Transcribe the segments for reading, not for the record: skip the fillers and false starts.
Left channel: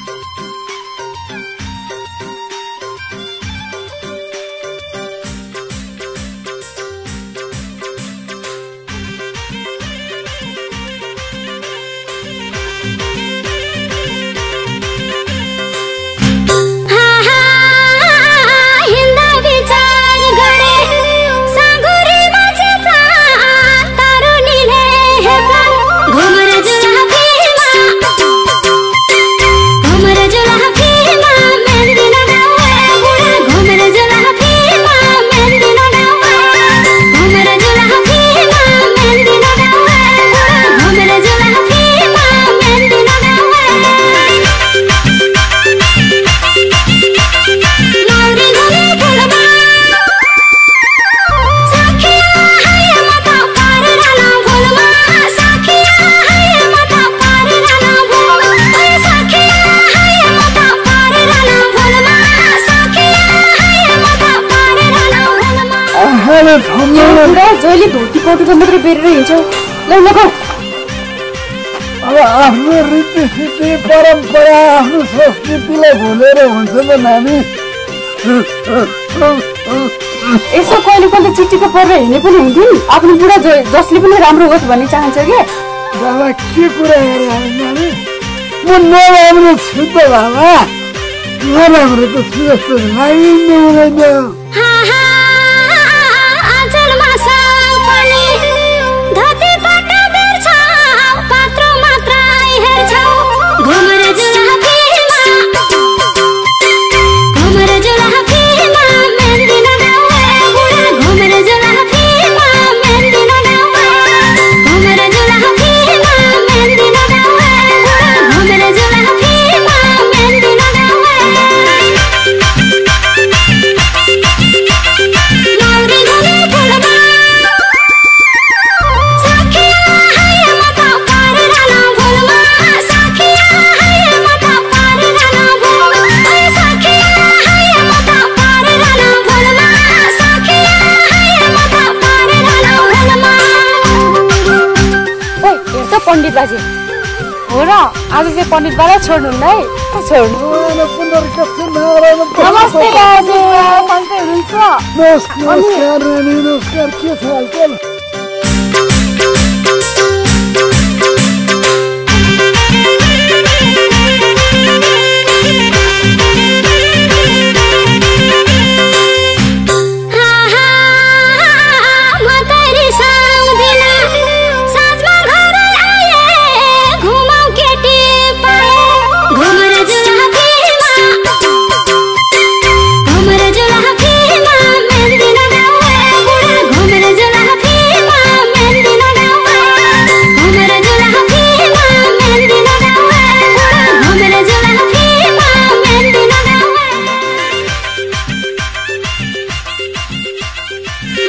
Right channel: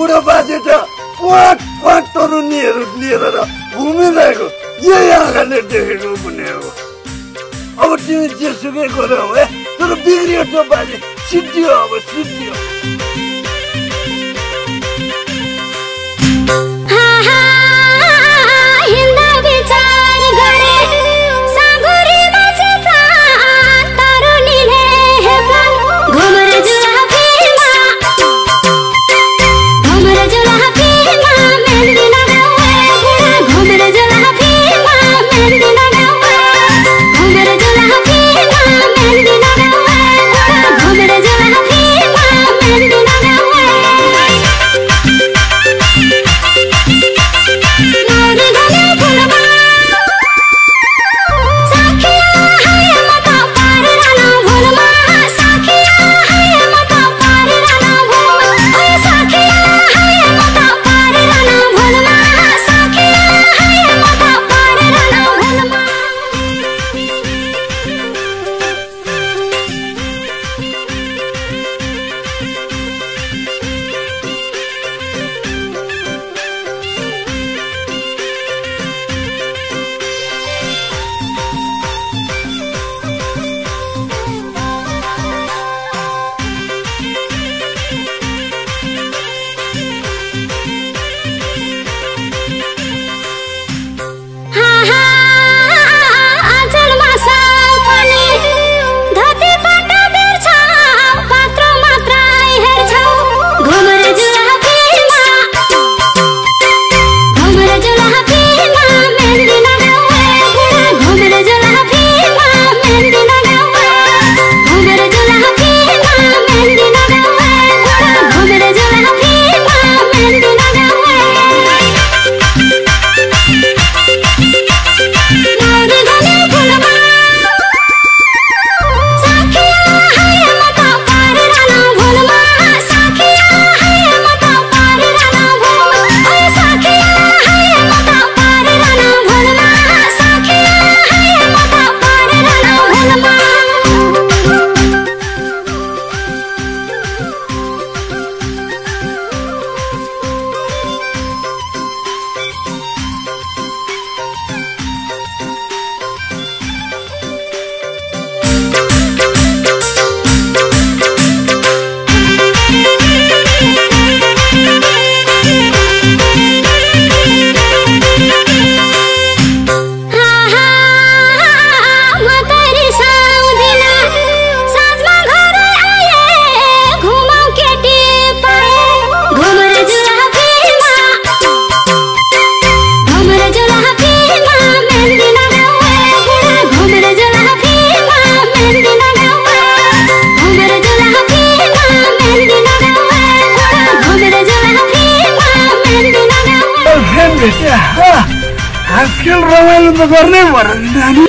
बुढो बाजे त पाँच पाँच तरुनीहरू लिएर घुमिरहेको यही आँखाले देखेको पनि हो। अब तिमी जेसुकै गरौ है, तर बिग्रियो त बाजे, सिद्धियो अब सिद्धियो। आफ्नो रीतिसिद्धि परम्परा आफ्नो संस्कृतिलाई भुलेर हुन्छ त नानी। यसो कहिले कहिले चिठी त पढेर हिँड्ने पनि हुन्थ्यो नि। आफ्नो बुढा जसले पनि राम्रो होस् भन्ने चाहन्छ क्या। मलाई के कुरा हेरेर नानी, म नराम्रो छु त बाबा, नराम्रो त छु जस्तो लागिनु हुँदैन। पण्डित बाबा छोड्नु है, छोड्नु। नमस्ते बाबु, सन्चै हुनुहुन्छ? नमस्कार रानी, नमस्कार, के छ हालचाल? खेल रमाइलो त गर्नै पर्यो नि नानी।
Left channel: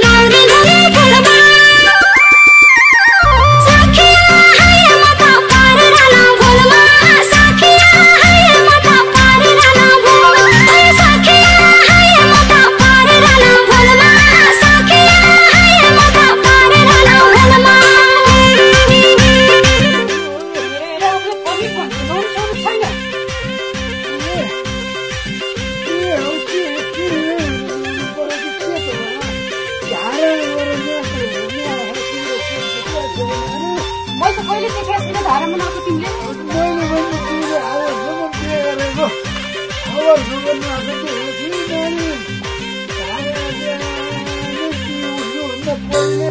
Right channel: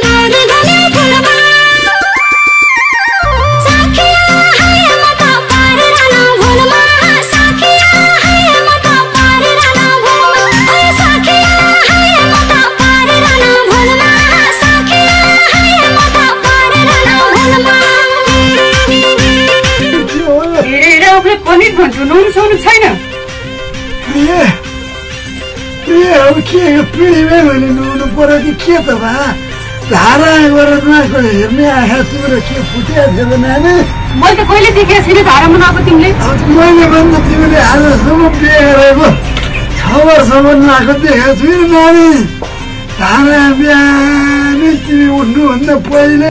पिँढीमै भने नुहाउनु पर्यो कि के त भा, धारा गरेर नआएको हेर्ने आँखा तिम्रो के फुटिया थियो त नानी? मैले त कहिले देखेको छैन धारामा नआएको तिमीले। मैले भन्दा तिमीले आजसम्म बिहे गरेको 6 वर्षसम्म नआएको देखेको छु नि नानी। धारा बिहानै तिमी उठ्नुभन्दा पहिले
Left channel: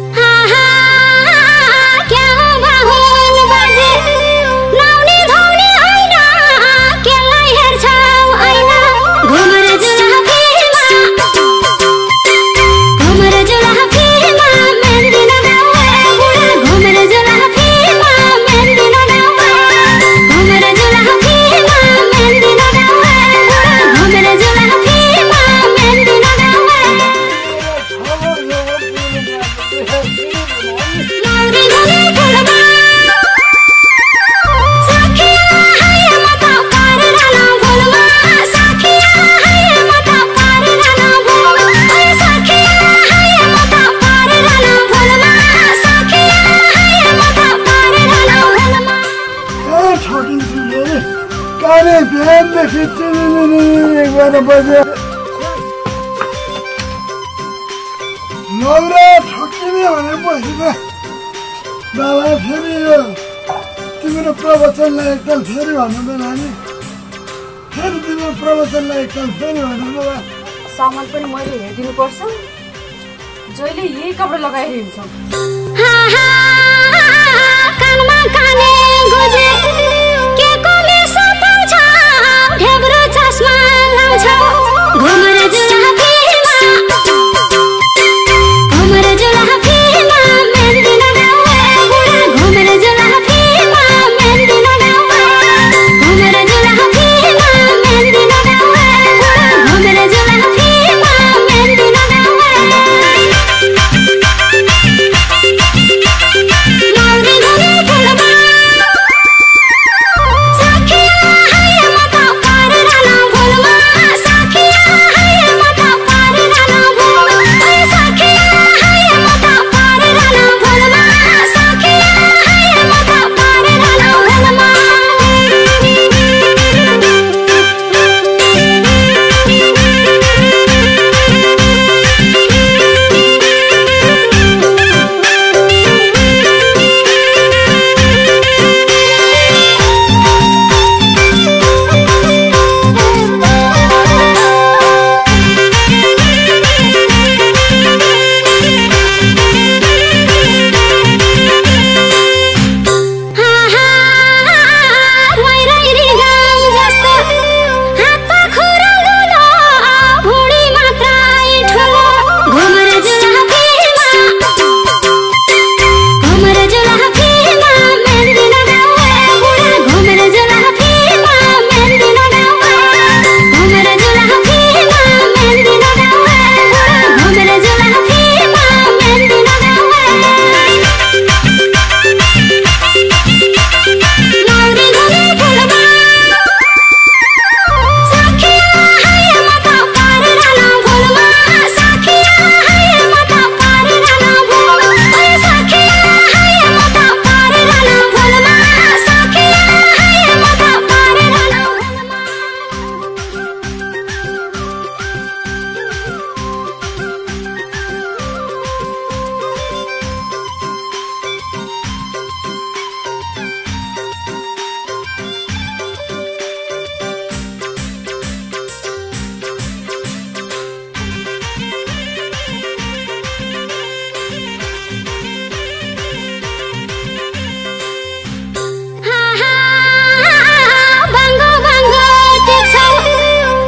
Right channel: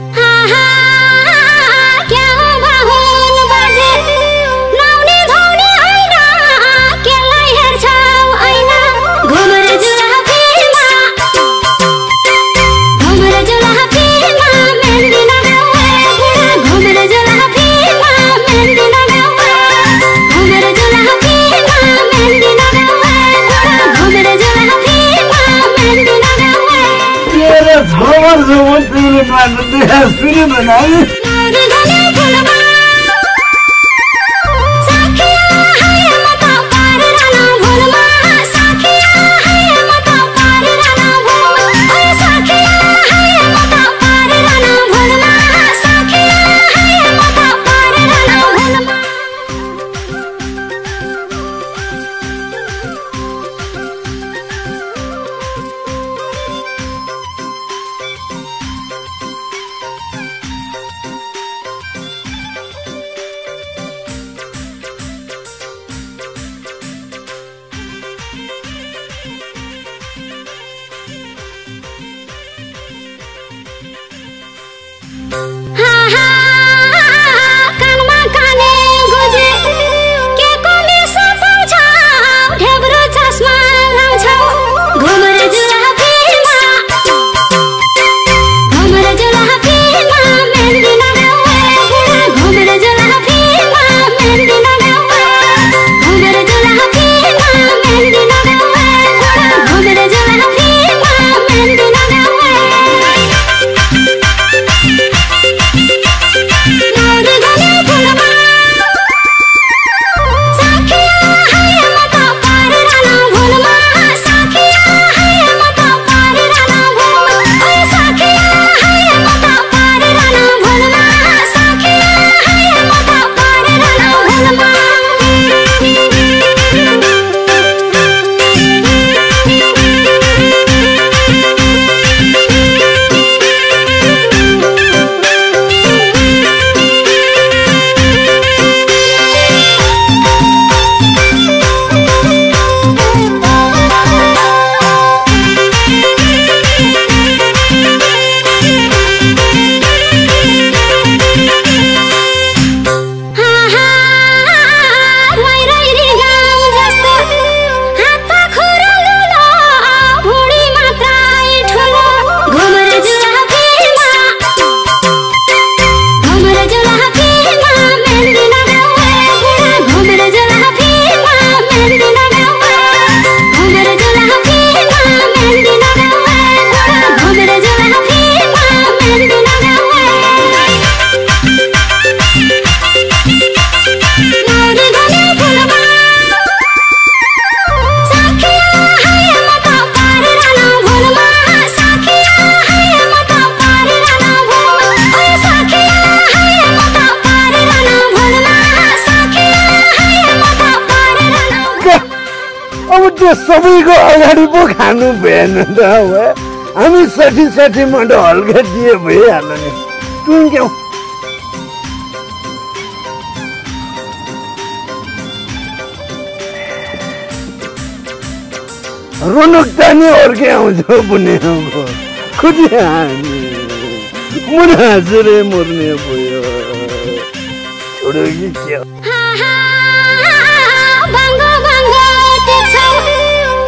आएर बस्यो नौरा ठोकिने भने बसिदियो बाबा फेरि यो तिम्रो प्रवचनलाई एकताल फेरि भन्नुहुँदैन नि फेरि तिम्रो प्रवचनलाई एकताल फेरि भन्नु बाबा सामान पनि मैले हेरिदिनु पर्छ जहिले यही कपडा लगाएर हिँड्छ कानमा काने गुजे के कोले सताउँछ ढेब्रो चस्मा लाउँछ घुमर जुलाफीमा मेहन्दी लगाउँ घुमर जुलाफीमा मेहन्दी लगाउँ घुमर जुलाफीमा मेहन्दी लगाउँ घुमर जुलाफीमा मेहन्दी लगाउँ सबैको अगाडि पो खानु भएन त हामी 60 मन्ड हल्का दिए भइहाल्यो नि टुङ्क्यौ रोनक तानी अर्कै आउँछ पुण्य खुदी मुना हाँसेर मर्ने भयो छोडो कि क्या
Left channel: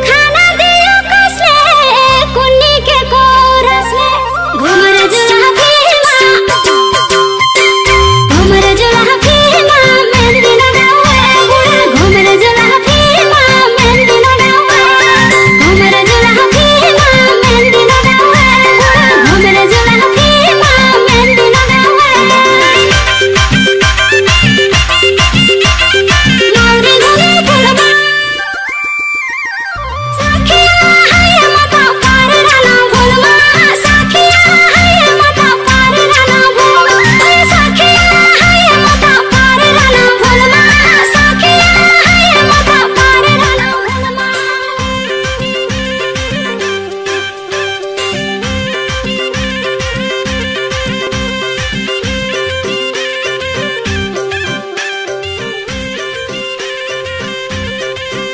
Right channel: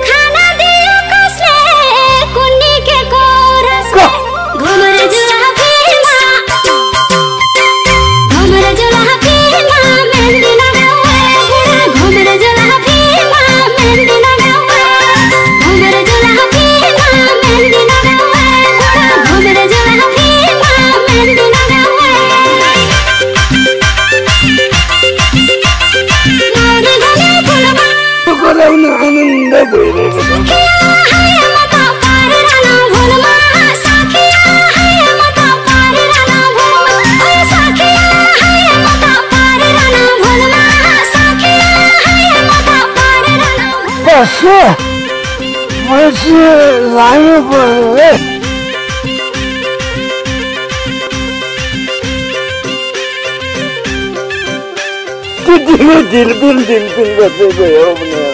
खाना दियो कसले कुन्नी के कोरसले घुमर जुलाफीमा मेहन्दी लगाउँ घुमर जुलाफीमा मेहन्दी लगाउँ घुमर जुलाफीमा मेहन्दी लगाउँ घुमर जुलाफीमा मेहन्दी लगाउँ नौरी घुमे फुलमा गराउन आनन्द भइरहेछ लानु पर्यो दिलपिल गर्दै गयो